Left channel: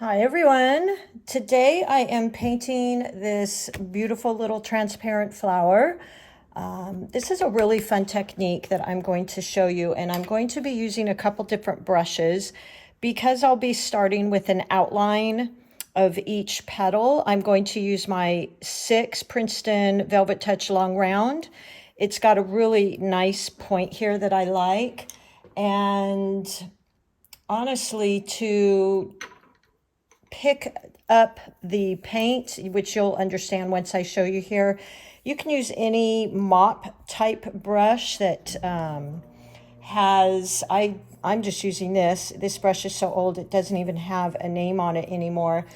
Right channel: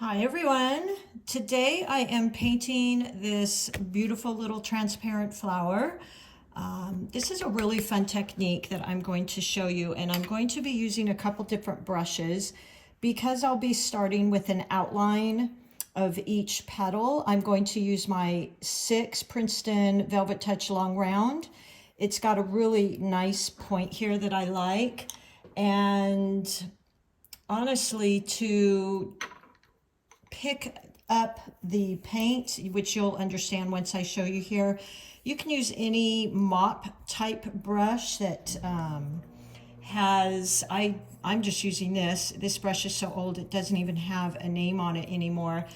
Hi everyone. Today I am painting this beautiful little transparent flower. This is a really fun technique that I'm going to show you, and I'm going to be using a couple different brushes because I'll be starting with an outline of each petal. I'm going to use my 6 Princeton Velvet Touch Long Round. It's got a really nice point here that I like, and honestly, to pick up the paint, which you'll understand once I show you here, you can use any mop type brush that I'm just using this. This brush is so old it doesn't even have a name on it anymore,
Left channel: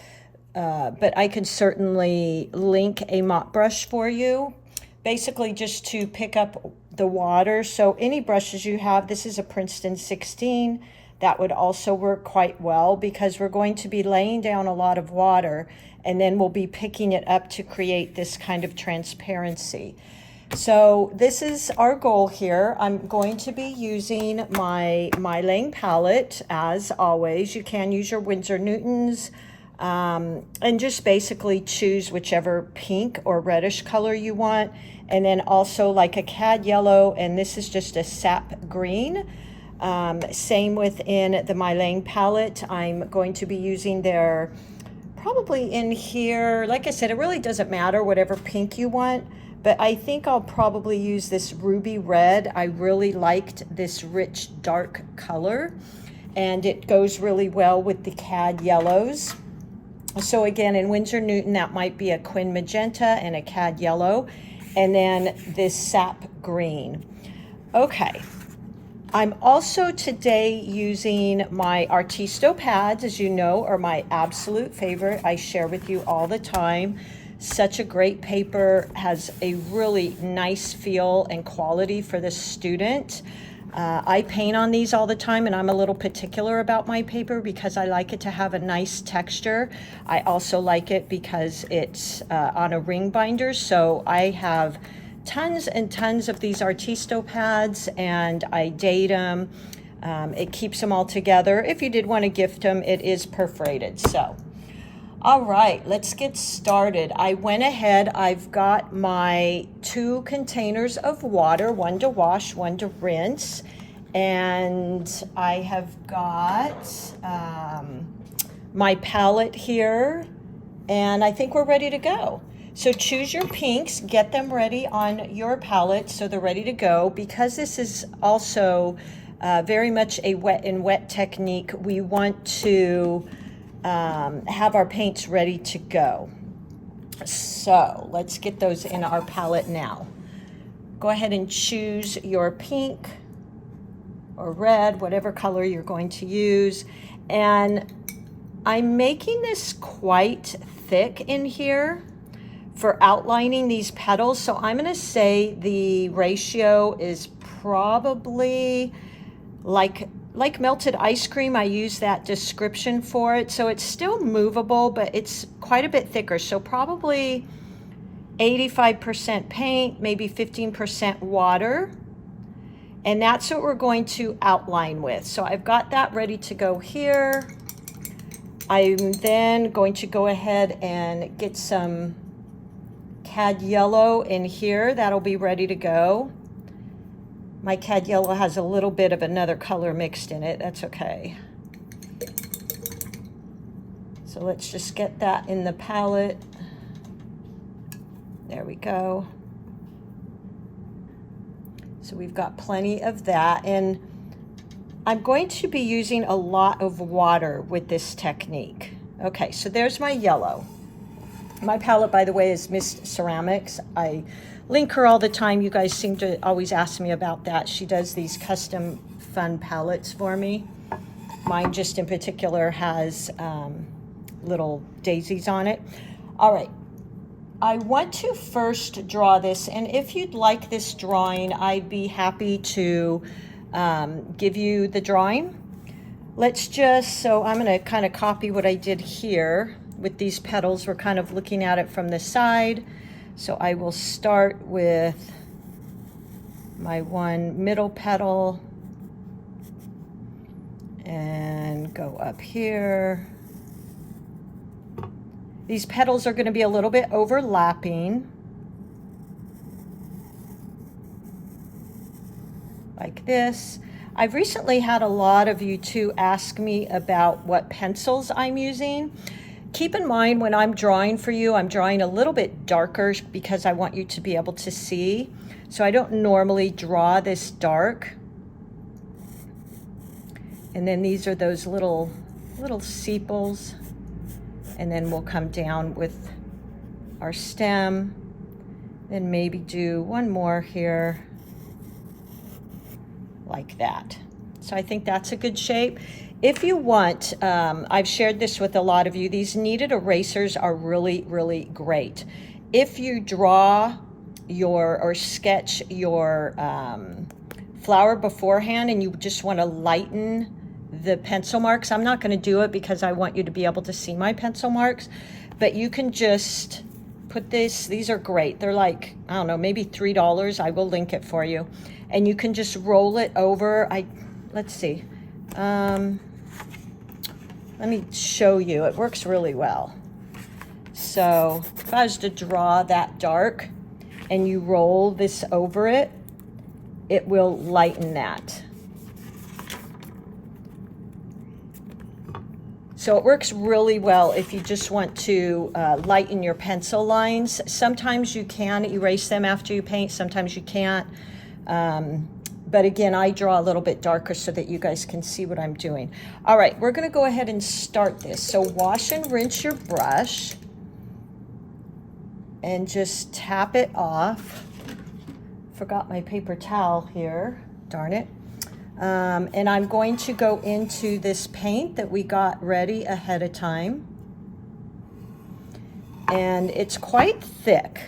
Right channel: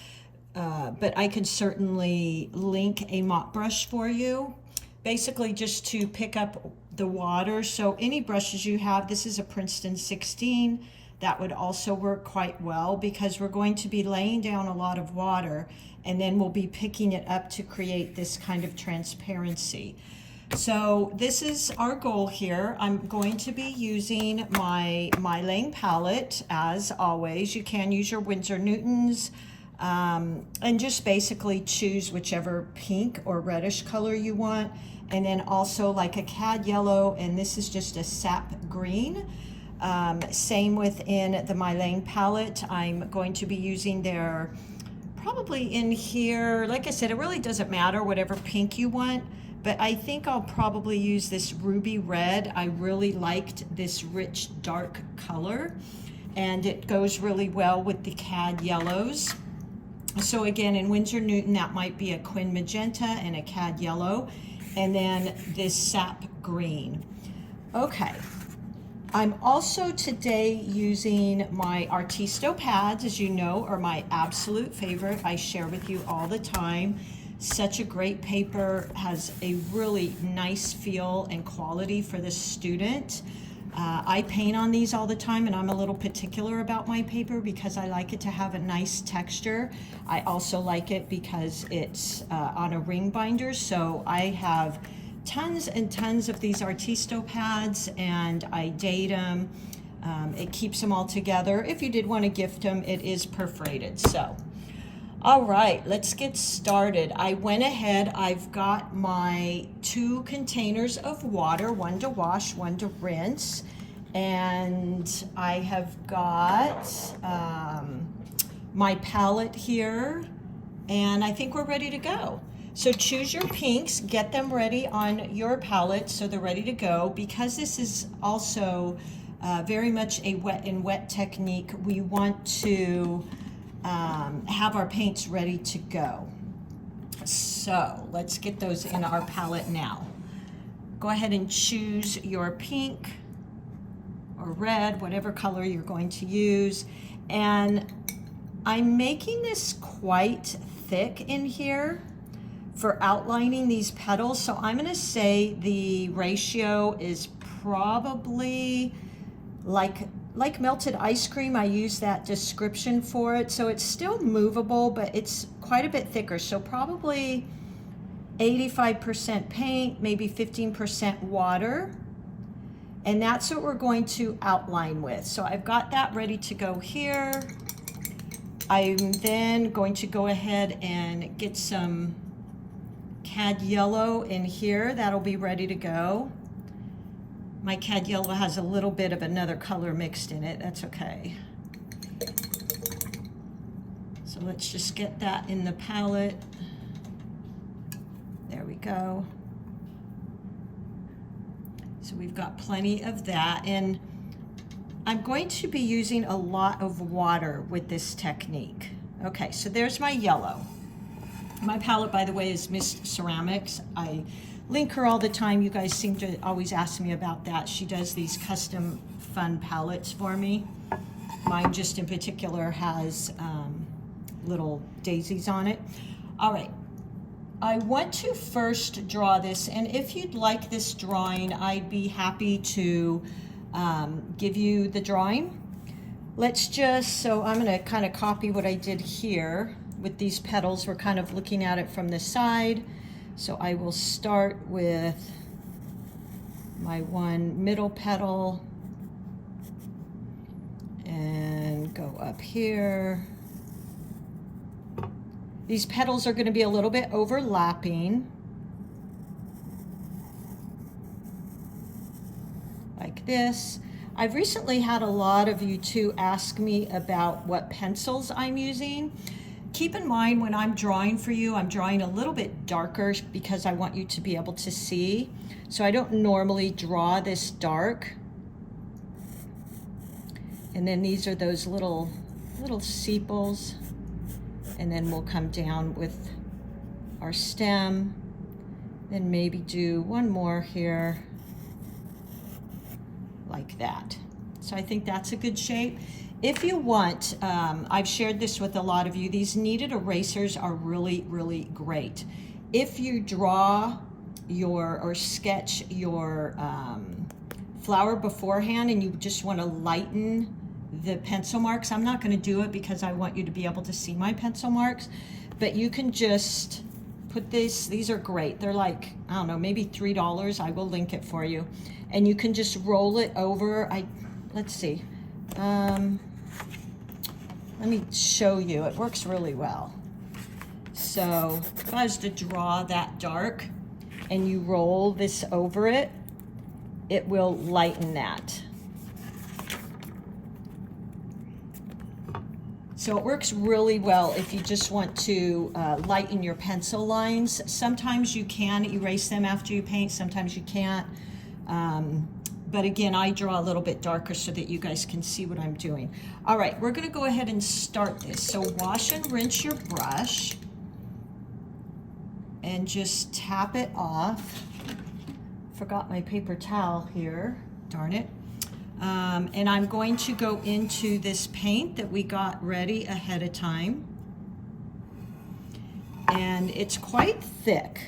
but I can certainly link a mop brush for you, basically just to pick up the water. So any brushes you have, this is a Princeton 16, that would also work quite well because we're going to be laying down a lot of water and then we'll be picking it up to create this kind of transparency. So this is our goal here. I'm going to be using my MeiLang palette as always. You can use your Winsor Newtons and just basically choose whichever pink or reddish color you want. And then also like a cad yellow, and this is just a sap green. Same within the MeiLang palette. I'm going to be using their, probably in here, like I said, it really doesn't matter whatever pink you want, but I think I'll probably use this ruby red. I really liked this rich dark color, and it goes really well with the cad yellows. So again, in Winsor Newton, that might be a Quin Magenta and a cad yellow, and then this sap green. Okay. I'm also today using my Artisto pads, as you know, are my absolute favorite. I share with you all the time. Such a great paper, has a really nice feel and quality for the student. I paint on these all the time, and I'm a little particular about my paper because I like it to have a nice texture. I also like it because it's on a ring binder, so I have tons and tons of these Artisto pads, and I date them. It keeps them all together. If you did want to gift them, it is perforated. So, all right, let's get started. I went ahead, I've got my 2 containers of water, one to wash, one to rinse, and I have got my palette here, and I think we're ready to go. So choose your pinks, get them ready on your palette so they're ready to go. Because this is also very much a wet and wet technique, we want to have our paints ready to go. So let's get those in our palette now. Go ahead and choose your pink or red, whatever color you're going to use. And I'm making this quite thick in here for outlining these petals. So I'm gonna say the ratio is probably like melted ice cream. I use that description for it. So it's still movable, but it's quite a bit thicker. So probably 85% paint, maybe 15% water. And that's what we're going to outline with. So I've got that ready to go here. I'm then going to go ahead and get some cad yellow in here. That'll be ready to go. My cad yellow has a little bit of another color mixed in it. That's okay. So let's just get that in the palette. There we go. So we've got plenty of that, and I'm going to be using a lot of water with this technique. Okay, so there's my yellow. My palette, by the way, is Miss Ceramics. I link her all the time. You guys seem to always ask me about that. She does these custom fun palettes for me. Mine just in particular has little daisies on it. All right, I want to first draw this, and if you'd like this drawing, I'd be happy to give you the drawing. Let's just, so I'm gonna kind of copy what I did here. With these petals, we're kind of looking at it from the side. So I will start with my one middle petal and go up here These petals are going to be a little bit overlapping. Like this. I've recently had a lot of you too ask me about what pencils I'm using. Keep in mind when I'm drawing for you, I'm drawing a little bit darker because I want you to be able to see. So I don't normally draw this dark. And then these are those little sepals. And then we'll come down with our stem. Then maybe do one more here. Like that. So I think that's a good shape. If you want, I've shared this with a lot of you, these kneaded erasers are really, really great. If you draw your, or sketch your flower beforehand and you just want to lighten the pencil marks, I'm not going to do it because I want you to be able to see my pencil marks, but you can just put this, these are great. They're like, I don't know, maybe $3. I will link it for you. And you can just roll it over. Let's see. Let me show you. It works really well. So if I was to draw that dark and you roll this over it, it will lighten that. So it works really well if you just want to lighten your pencil lines. Sometimes you can erase them after you paint, sometimes you can't. But again, I draw a little bit darker so that you guys can see what I'm doing. All right, we're going to go ahead and start this. So wash and rinse your brush and just tap it off. Forgot my paper towel here, darn it. And I'm going to go into this paint that we got ready ahead of time. And it's quite thick.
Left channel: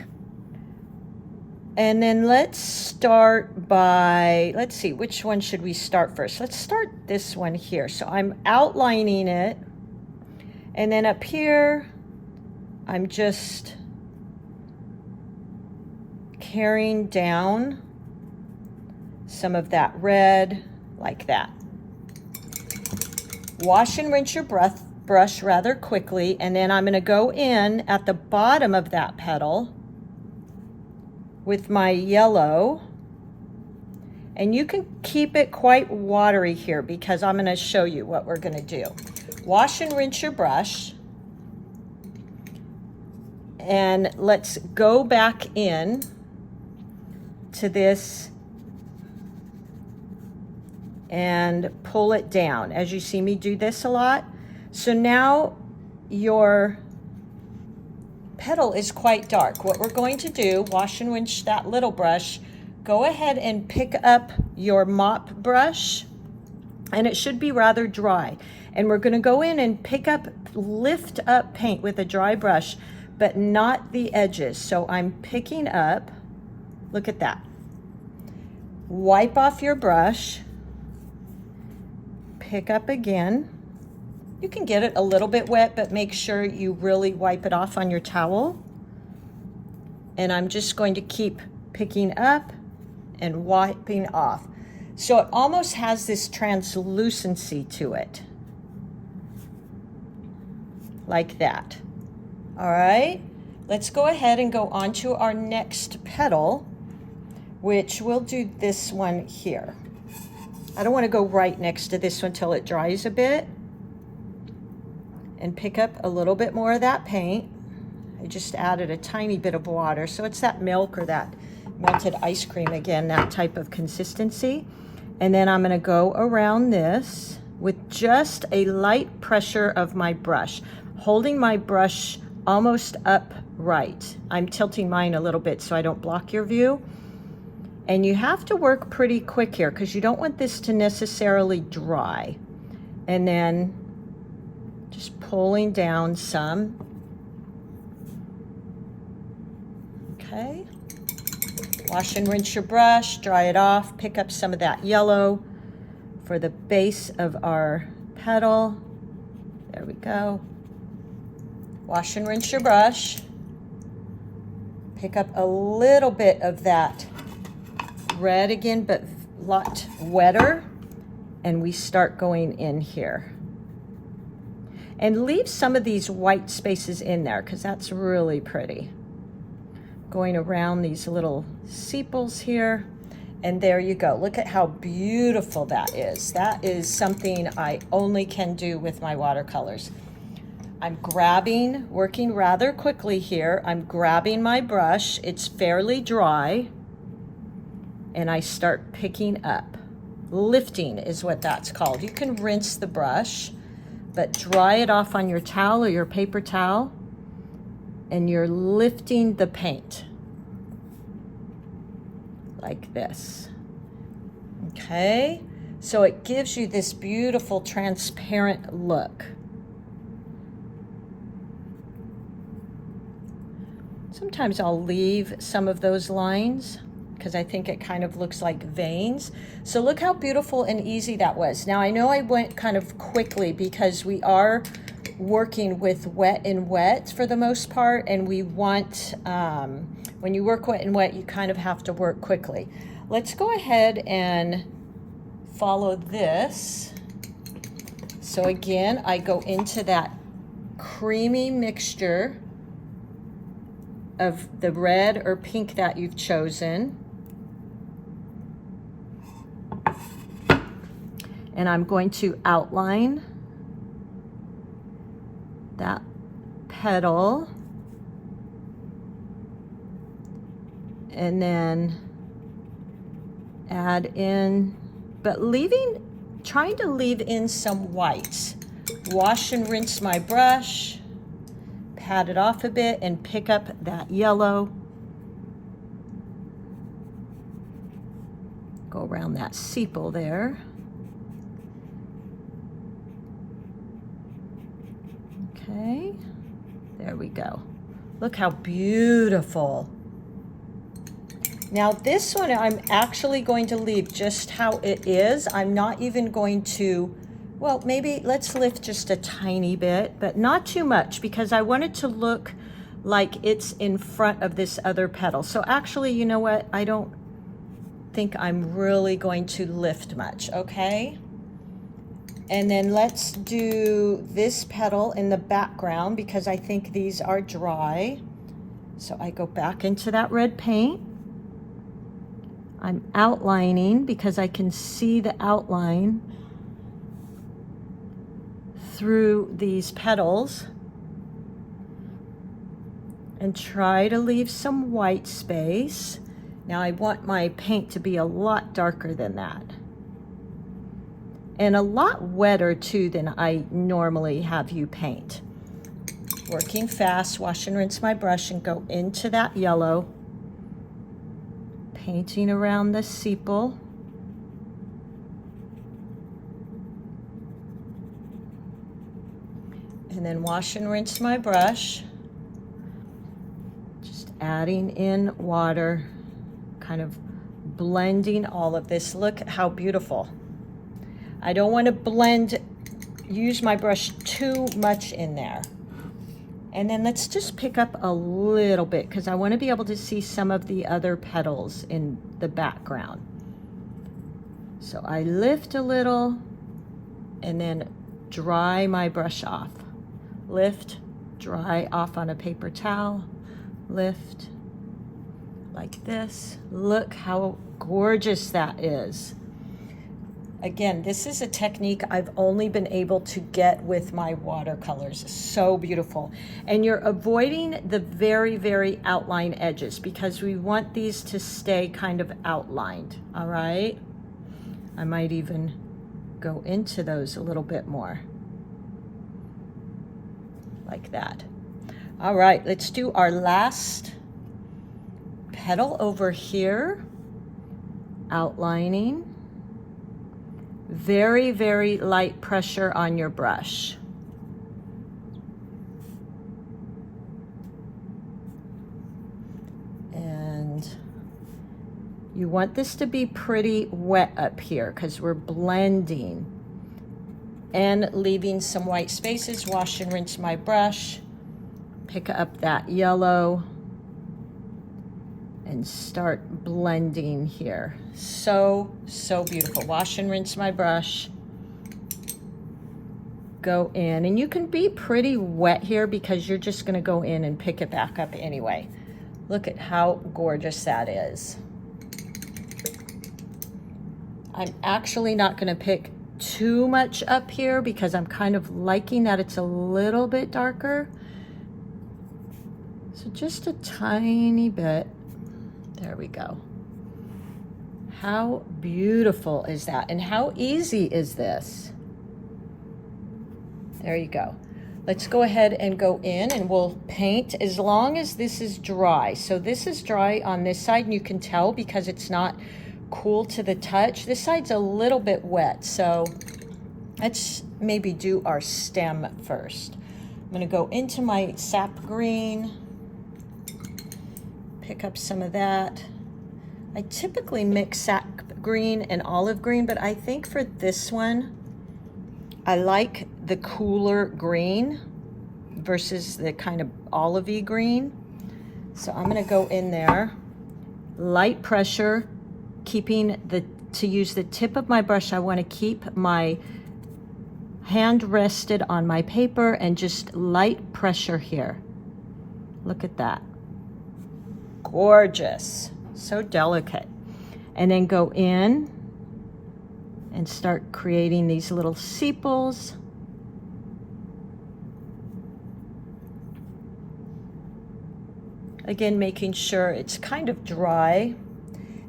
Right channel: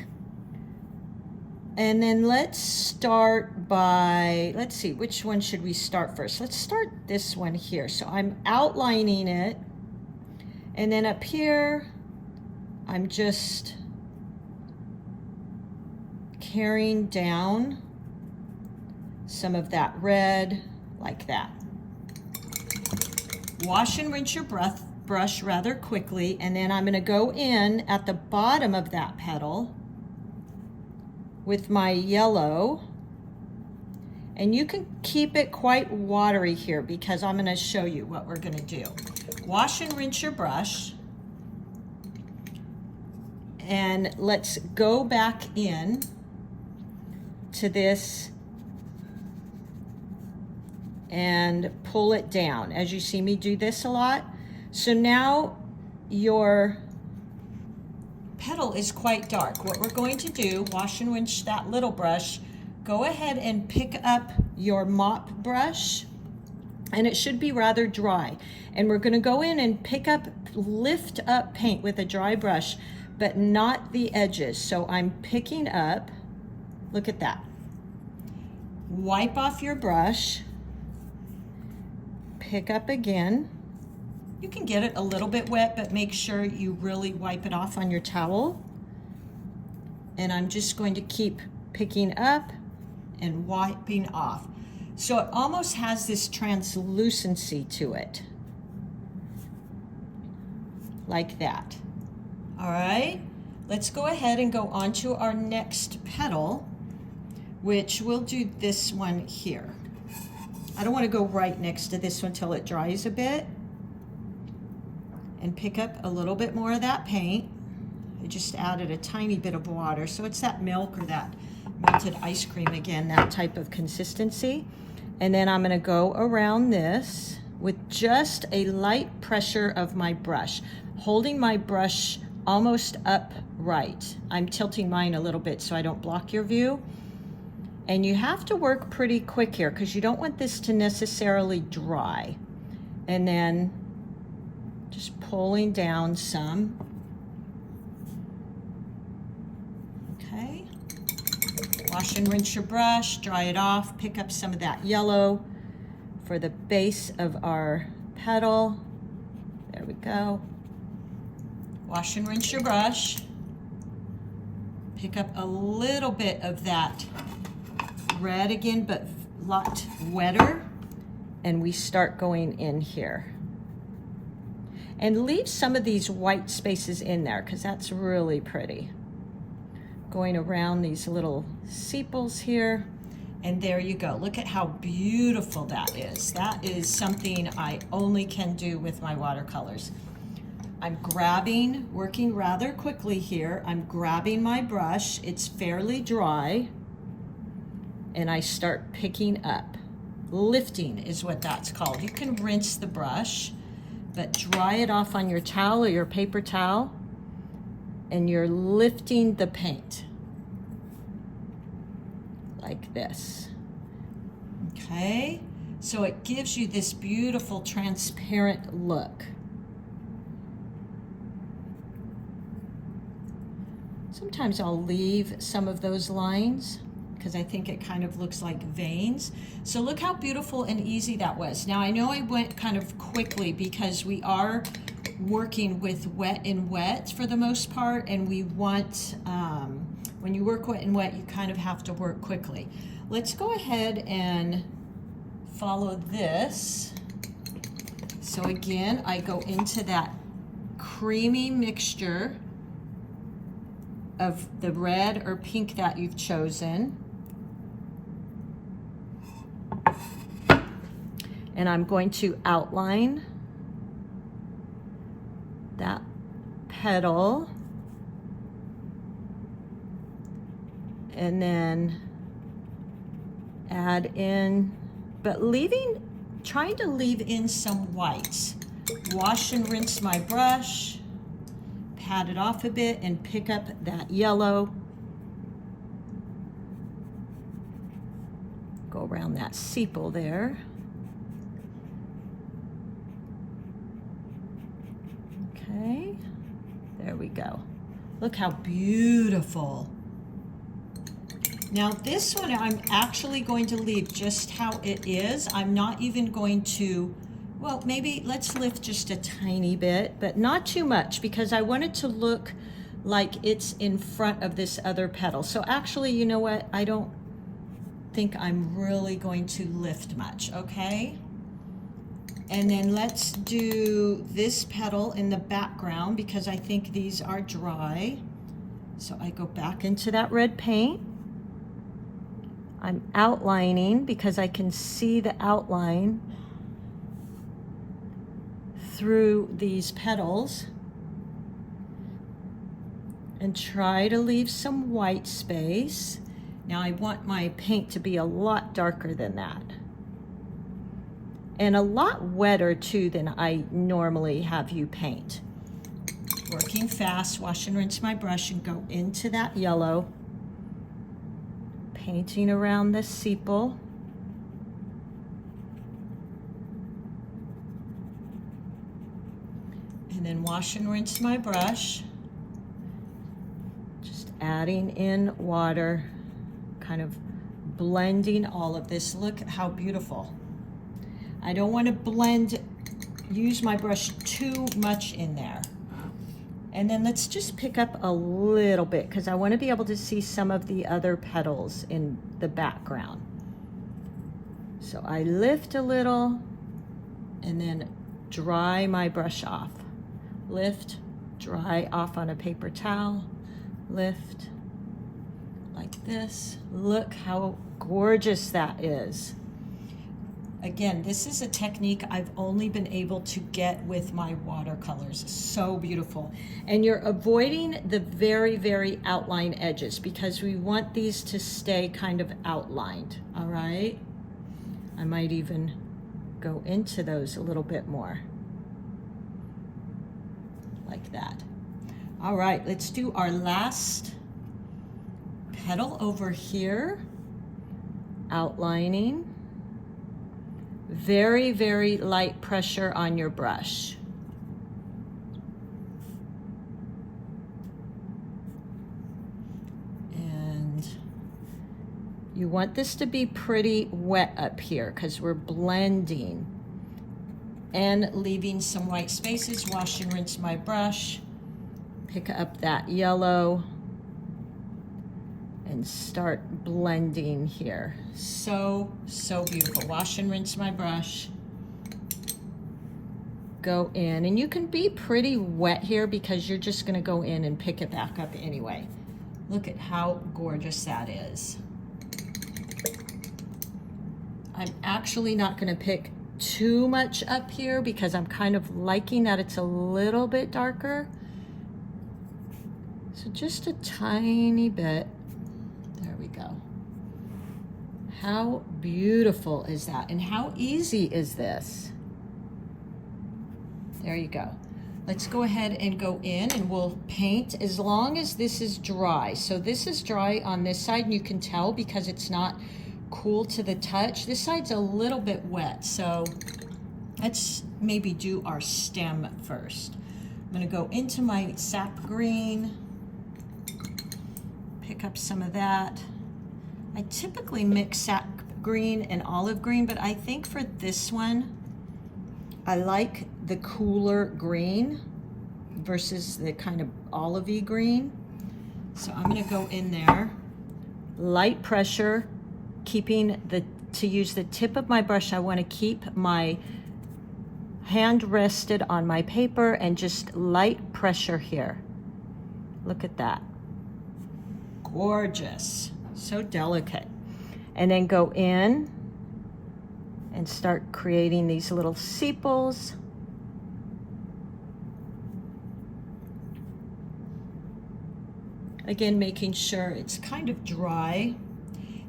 And then let's start by, let's see, which one should we start first? Let's start this one here. So I'm outlining it. And then up here, I'm just carrying down some of that red, like that. Wash and rinse your brush rather quickly. And then I'm going to go in at the bottom of that petal with my yellow, and you can keep it quite watery here because I'm going to show you what we're going to do. Wash and rinse your brush, and let's go back in to this and pull it down. As you see me do this a lot. So now your petal is quite dark. What we're going to do, wash and rinse that little brush, go ahead and pick up your mop brush, and it should be rather dry. And we're going to go in and lift up paint with a dry brush, but not the edges. So I'm picking up, look at that. Wipe off your brush, pick up again. You can get it a little bit wet, but make sure you really wipe it off on your towel. And I'm just going to keep picking up and wiping off. So it almost has this translucency to it. Like that. All right, let's go ahead and go on to our next petal, which we'll do this one here. I don't want to go right next to this one till it dries a bit. And pick up a little bit more of that paint. I just added a tiny bit of water. So it's that milk or that melted ice cream, again, that type of consistency. And then I'm gonna go around this with just a light pressure of my brush, holding my brush almost upright. I'm tilting mine a little bit so I don't block your view. And you have to work pretty quick here because you don't want this to necessarily dry. And then just pulling down some. Okay. Wash and rinse your brush, dry it off, pick up some of that yellow for the base of our petal. There we go. Wash and rinse your brush. Pick up a little bit of that red again, but a lot wetter. And we start going in here. And leave some of these white spaces in there because that's really pretty. Going around these little sepals here. And there you go. Look at how beautiful that is. That is something I only can do with my watercolors. I'm grabbing, working rather quickly here. I'm grabbing my brush. It's fairly dry. And I start picking up. Lifting is what that's called. You can rinse the brush, but dry it off on your towel or your paper towel. And you're lifting the paint. Like this. Okay, so it gives you this beautiful transparent look. Sometimes I'll leave some of those lines because I think it kind of looks like veins. So look how beautiful and easy that was. Now I know I went kind of quickly because we are working with wet and wet for the most part, and we want when you work wet and wet, you kind of have to work quickly. Let's go ahead and follow this. So again, I go into that creamy mixture of the red or pink that you've chosen. And I'm going to outline that petal. And then add in, but trying to leave in some whites. Wash and rinse my brush, pat it off a bit, and pick up that yellow. Go around that sepal there. Okay, there we go. Look how beautiful. Now this one I'm actually going to leave just how it is. I'm not even going to, well, maybe let's lift just a tiny bit, but not too much because I want it to look like it's in front of this other petal. So actually, you know what? I don't think I'm really going to lift much, okay? And then let's do this petal in the background because I think these are dry. So I go back into that red paint. I'm outlining because I can see the outline through these petals, and try to leave some white space. Now I want my paint to be a lot darker than that and a lot wetter too than I normally have you paint. Working fast, wash and rinse my brush and go into that yellow. Painting around the sepal. And then wash and rinse my brush. Just adding in water, kind of blending all of this. Look how beautiful. I don't want to use my brush too much in there. And then let's just pick up a little bit because I want to be able to see some of the other petals in the background. So I lift a little and then dry my brush off. Lift, dry off on a paper towel, lift like this. Look how gorgeous that is. Again, this is a technique I've only been able to get with my watercolors. So beautiful. And you're avoiding the very, very outline edges because we want these to stay kind of outlined, all right? I might even go into those a little bit more. Like that. All right, let's do our last petal over here. Outlining. Very, very light pressure on your brush. And you want this to be pretty wet up here because we're blending and leaving some white spaces. Wash and rinse my brush. Pick up that yellow and start blending here. So, so beautiful. Wash and rinse my brush. go in, and you can be pretty wet here because you're just gonna go in and pick it back up anyway. Look at how gorgeous that is. I'm actually not gonna pick too much up here because I'm kind of liking that it's a little bit darker. So just a tiny bit. There we go. How beautiful is that? And how easy is this? There you go. Let's go ahead and go in and we'll paint as long as this is dry. So this is dry on this side, and you can tell because it's not cool to the touch. This side's a little bit wet, so let's maybe do our stem first. I'm gonna go into my sap green, pick up some of that. I typically mix sap green and olive green, but I think for this one, I like the cooler green versus the kind of olivey green. So I'm gonna go in there, light pressure, to use the tip of my brush. I want to keep my hand rested on my paper and just light pressure here. Look at that. Gorgeous. So delicate. And then go in and start creating these little sepals. Again, making sure it's kind of dry.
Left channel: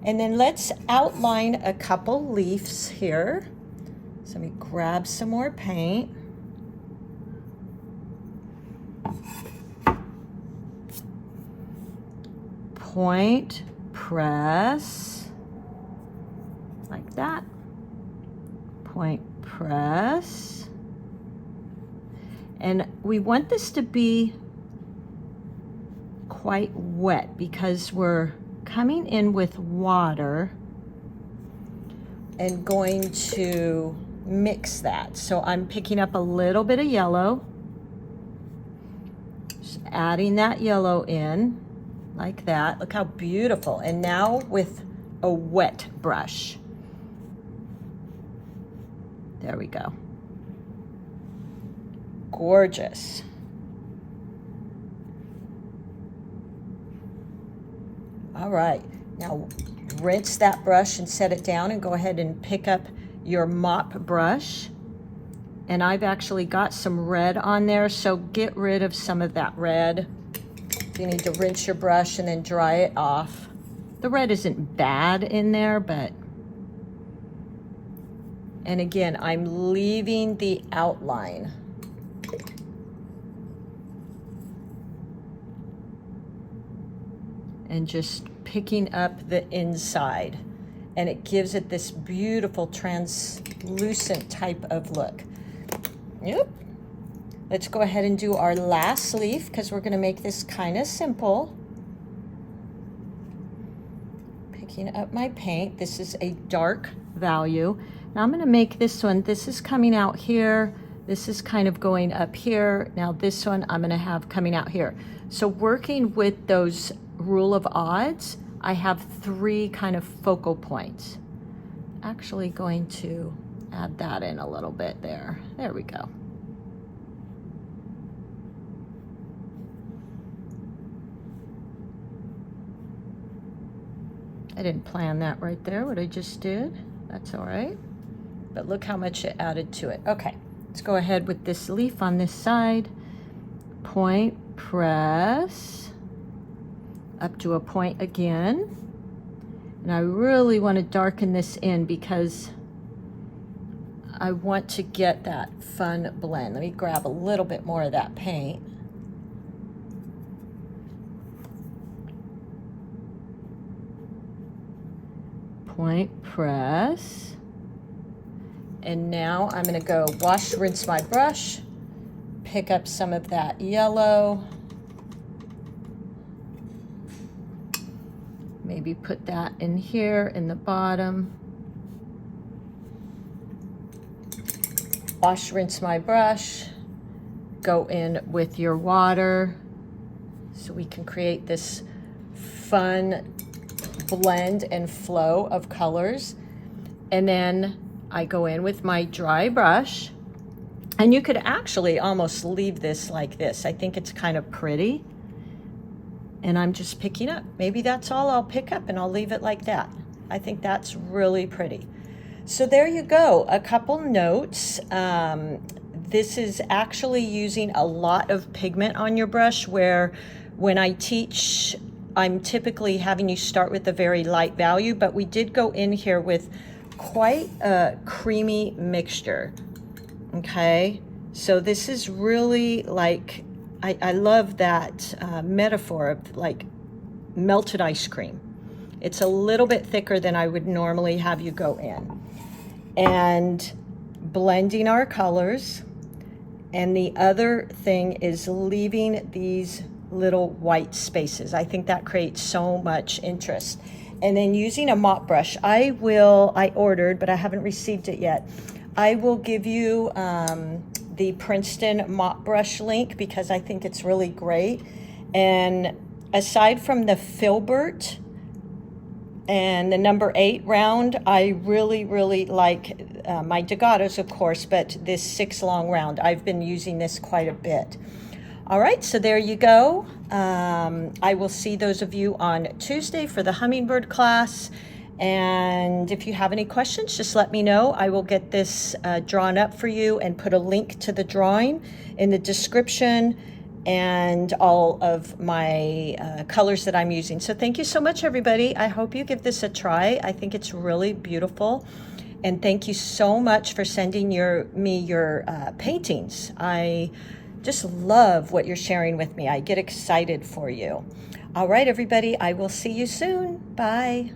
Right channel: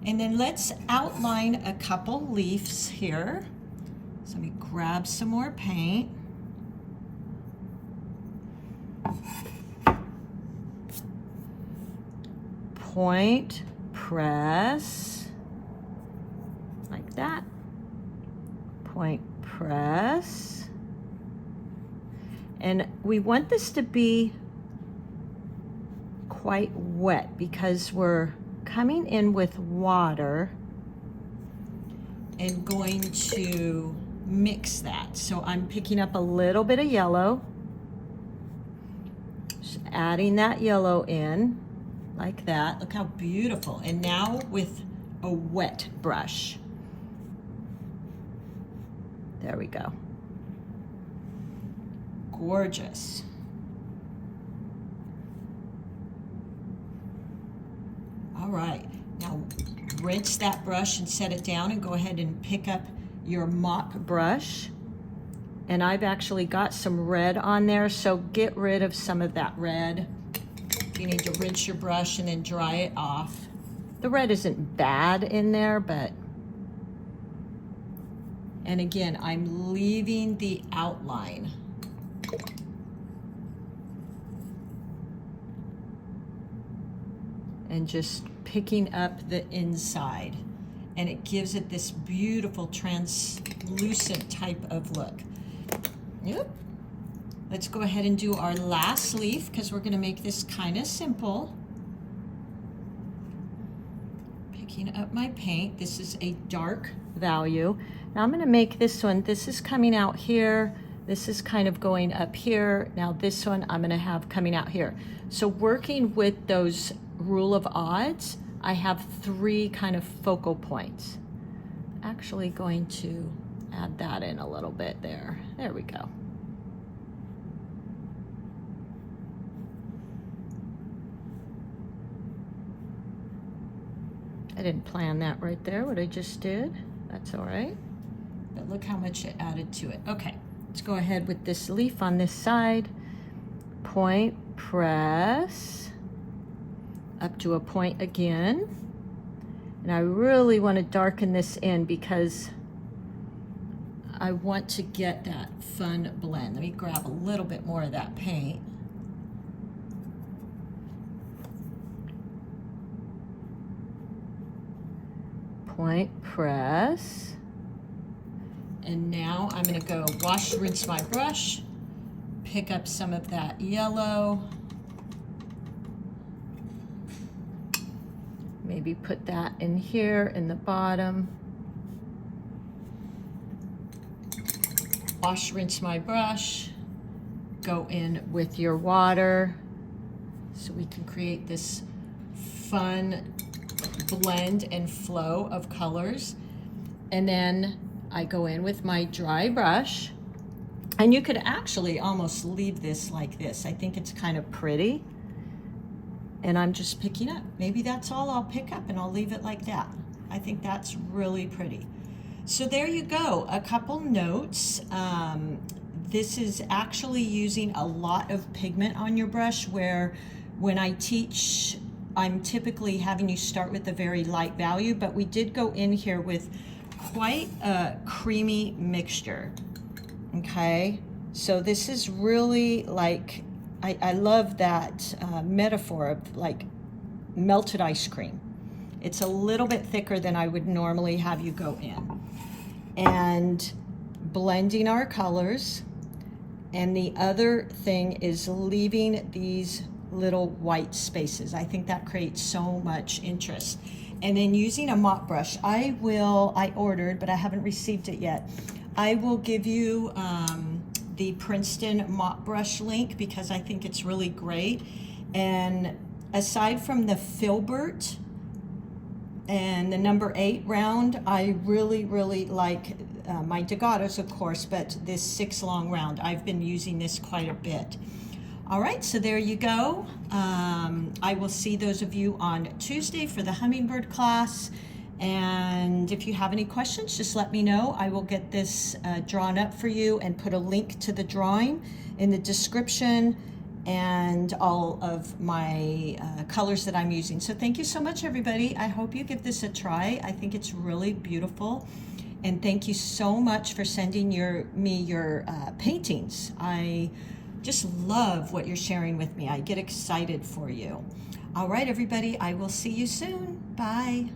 And then let's outline a couple leaves here. So let me grab some more paint. Point, press, like that. Point, press. And we want this to be quite wet because we're coming in with water and going to mix that. So I'm picking up a little bit of yellow, just adding that yellow in like that. Look how beautiful. And now with a wet brush. There we go. Gorgeous. All right, now rinse that brush and set it down, and go ahead and pick up your mop brush. And I've actually got some red on there, so get rid of some of that red. You need to rinse your brush and then dry it off. The red isn't bad in there, but... And again, I'm leaving the outline. And just picking up the inside, and it gives it this beautiful translucent type of look. Yep. Let's go ahead and do our last leaf because we're going to make this kind of simple. Picking up my paint. This is a dark value. Now I'm going to make this one. This is coming out here. This is kind of going up here. Now this one I'm going to have coming out here. So working with those rule of odds, I have 3 kind of focal points. Actually going to add that in a little bit there. There we go. I didn't plan that right there, what I just did. That's all right. But look how much it added to it. Okay, let's go ahead with this leaf on this side. Point, press, up to a point again. And I really want to darken this in because I want to get that fun blend. Let me grab a little bit more of that paint. Point, press. And now I'm going to go wash, rinse my brush, pick up some of that yellow. Maybe put that in here in the bottom. Wash, rinse my brush, go in with your water so we can create this fun blend and flow of colors. And then I go in with my dry brush And you could actually almost leave this like this. I think it's kind of pretty. And I'm just picking up. Maybe that's all I'll pick up, and I'll leave it like that. I think that's really pretty. So there you go, a couple notes. This is actually using a lot of pigment on your brush, where when I teach, I'm typically having you start with a very light value, but we did go in here with quite a creamy mixture, okay? So this is really like, I love that metaphor of like melted ice cream. It's a little bit thicker than I would normally have you go in. And blending our colors. And the other thing is leaving these little white spaces. I think that creates so much interest. And then using a mop brush, I ordered, but I haven't received it yet. I will give you the Princeton mop brush link because I think it's really great. And aside from the filbert and the number 8 round, I really, really like my Degatos, of course, but this 6 long round, I've been using this quite a bit. All right, so there you go. I will see those of you on Tuesday for the hummingbird class. And if you have any questions, just let me know. I will get this drawn up for you and put a link to the drawing in the description and all of my colors that I'm using. So thank you so much, everybody. I hope you give this a try. I think it's really beautiful. And thank you so much for sending me your paintings. I just love what you're sharing with me. I get excited for you. All right, everybody, I will see you soon. Bye.